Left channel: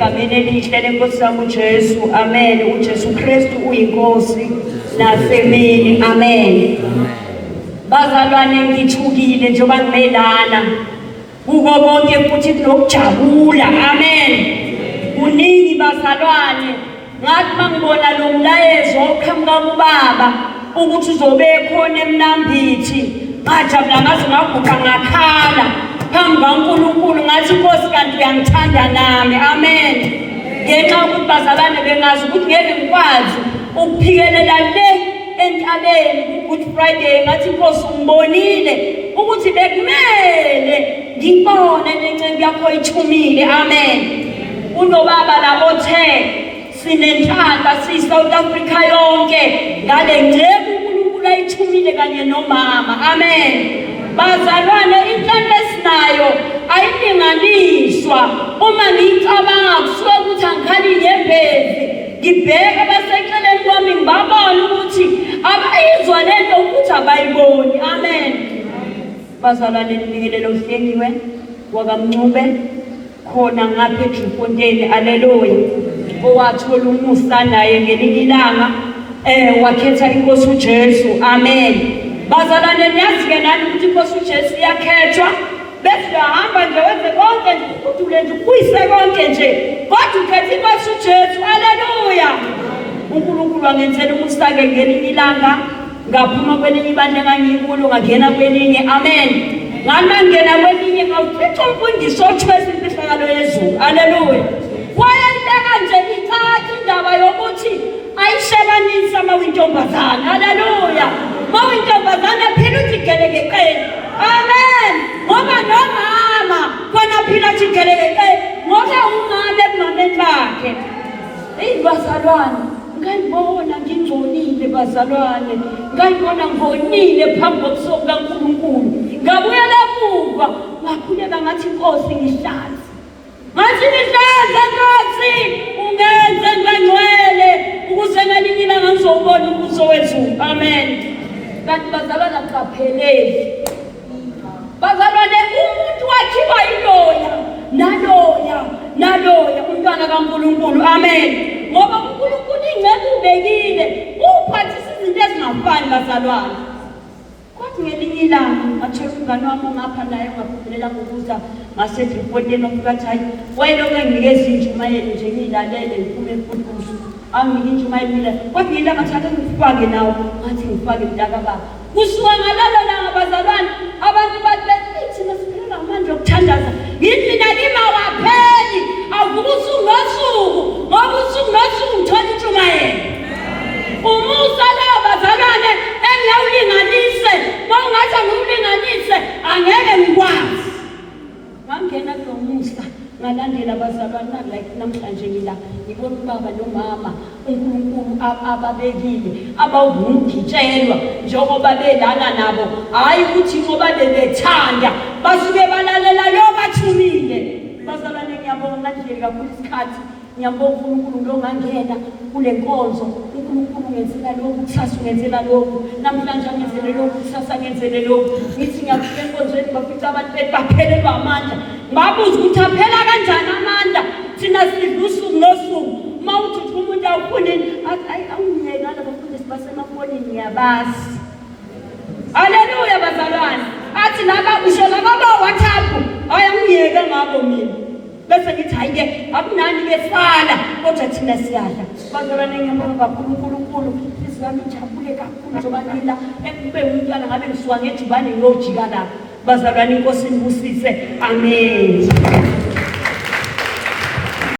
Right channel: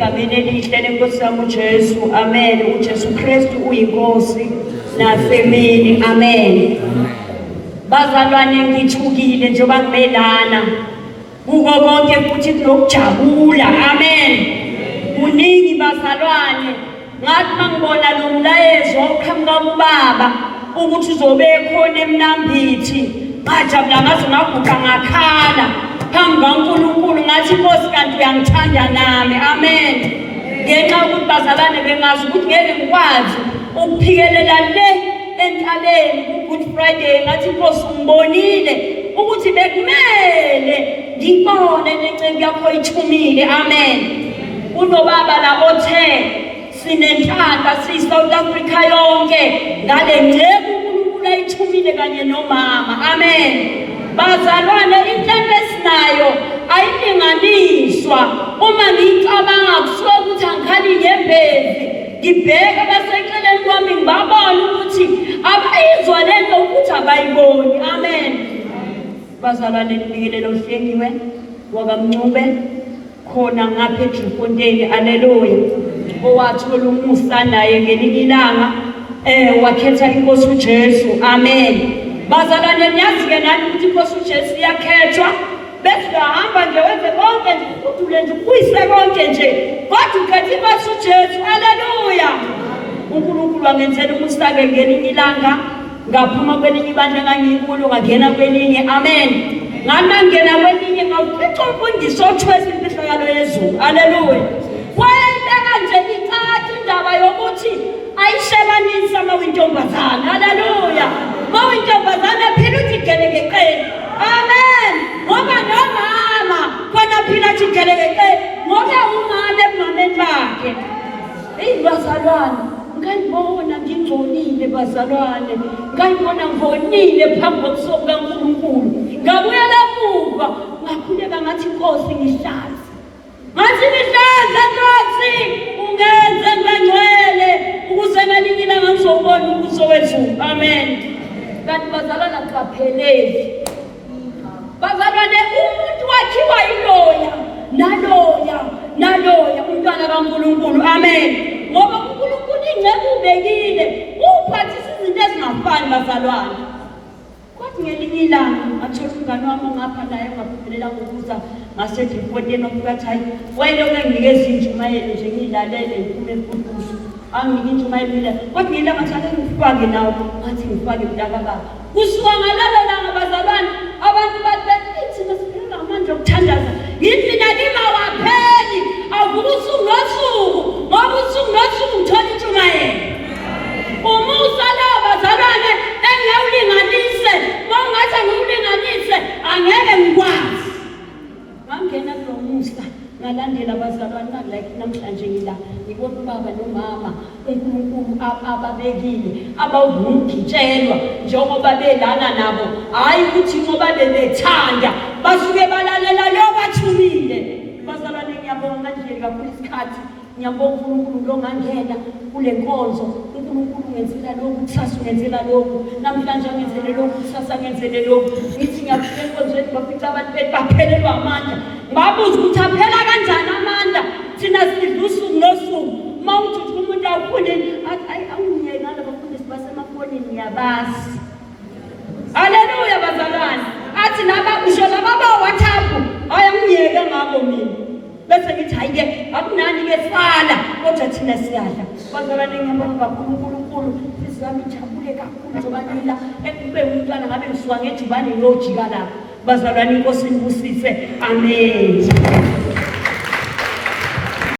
egameni elihle lenkosi yami uJesu. Amen. uJesu Kristu uyinkosi nasemini. Amen. Bazalwane ngithukile njengoba ngimelana kuko konke futhi kunokujabula. Amen. Kuningi bazalwane ngathi mangibona lo mlayezo oqhamuka kubaba ukuthi uzobe khona emnambithi ngajabula ngaze ngaguqa ngakhala phambi kaNkulunkulu ngathi Nkosi kanti uyangithanda nami. Amen. Ngenxa yokuthi bazalwane bengazi ukuthi ngeke ngikwazi ukuphikelela le entabeni ku-Good Friday ngathi Nkosi ngibonile ukuthi bekumele ngibone lencebo yakho ithumile. Amen. Unobaba la othe sinenhlamba siyi-South Africa yonke ngale ncebo uNkulunkulu ayithumile kanye nomama. Amen. Bazalwane inhlanhla esinayo ayilinganiswa. Uma ngicabanga kusuka ukuthi angikhali ngembezi ngibheke baseceleni kwami ngibabona ukuthi abayizwa lento ukuthi abayiboni. Amen. Bazalwane nibikelele uHlengiwe wakaMncube khona ngapha eDriefontein. Haleluya. Owathola umusa naye ngelinye ilanga wakhetha inkosi uJesu. Amen. Bazalwane niyazi-ke nani ukuthi inkosi uJesu iyakhethwa bese uyahamba nje wenze konke nje udule nje ukuyise konke nje kodwa ukhetha inkosi uJesu. Haleluya. uNkulunkulu wangenzela umusa-ke ngelinye ilanga ngaphuma kwelinye ibandla engangikulo ngangena kwelinye. Amen. Ngani mangena kwelinye ngawufica umfundiso othwesa imfihlakalo yezulu. Haleluya. Wayenteka nje icathi indaba yokuthi ayishebanisa mawintombazana. Haleluya. Mawintombazana phela uthi gelekeqeni. Amen. Ngoba nomama khona phela uthi gelekeqeni ngoba umama ebumameni bakhe. Bazalwane ngangibona ngingcolile bazalwane ngangibona ngonile phambi kobuso bukaNkulunkulu ngabuyela emuva ngakhuleka ngathi Nkosi ngihlaza ngathi ngihlaza Nkosi ungenze ngangcwele ukuze ngelinye ilanga ngizobona ubuso wezulu. Amen. Kanti bazalwane akupheleli bazalwane umuntu wakhiwa yiloya naloya umntwana kaNkulunkulu. Amen. Ngoba uNkulunkulu ingcebo ubekile uphathisa izinto ezingafani bazalwane. Kodwa ngelinye ilanga athola umngane wami ngapha naye ngaphumelela ngokuza ngaseDriefontein ukuthi hayi wayelokhu enginikeza intshumayelo nje ngilalele ngiphume emfuduso angike intshumayelo mina kodwa ngilanga thatha ngifake nawo ngathi ngifake mntakababa. Kusuka ngalelo langa bazalwane abantu bathi thina siphela ngamandla okuthandaza yithi nakima wapheli avuka usuku nosuku ngoba usuku nosuku ngithola intshumayelo. Umusa la bazalwane engiyawulinganise bongathi angiwulinganise angeke ngikwazi. Ngangena kulo musa ngalandela bazalwane like namhlanje ngila ngibona ubaba nomama uNkulunkulu ababekile abawungitshelwa njengoba belana nabo hayi ukuthi ngoba bebethanda basuke balalela lo bathumile. Bazalwane ngiyabonga nje kakhulu isikhathi ngiyabonga uNkulunkulu lo ngangena kule nkonzo. uNkulunkulu ngenzela lokhu kusasa ngenzela lokhu namhlanje ngenzela lokhu kusasa ngenzela lokhu. Ngithi ngiyafika enkonzweni bafica abantu bethu baphelelwa amandla ngabuza ukuthi aphela kanjani amandla thina sidla usuku nosuku mawuthi umuntu awufune awungiyena labafundisi basemafonini ngiyabazi. Haleluya bazalwane athi nababisho lababa WhatsApp ayangiyeke ngabo mina bese ngithi hayike akunani-ke sala kodwa thina siyadla. Bazalwane ngiyabonga kakhulu uNkulunkulu isizami jabule kakhulu njengoba ngila ekube umntwana ngabe ngisuka ngejibane ngiyojika lapha. Bazalwane inkosi inibusise. Amen.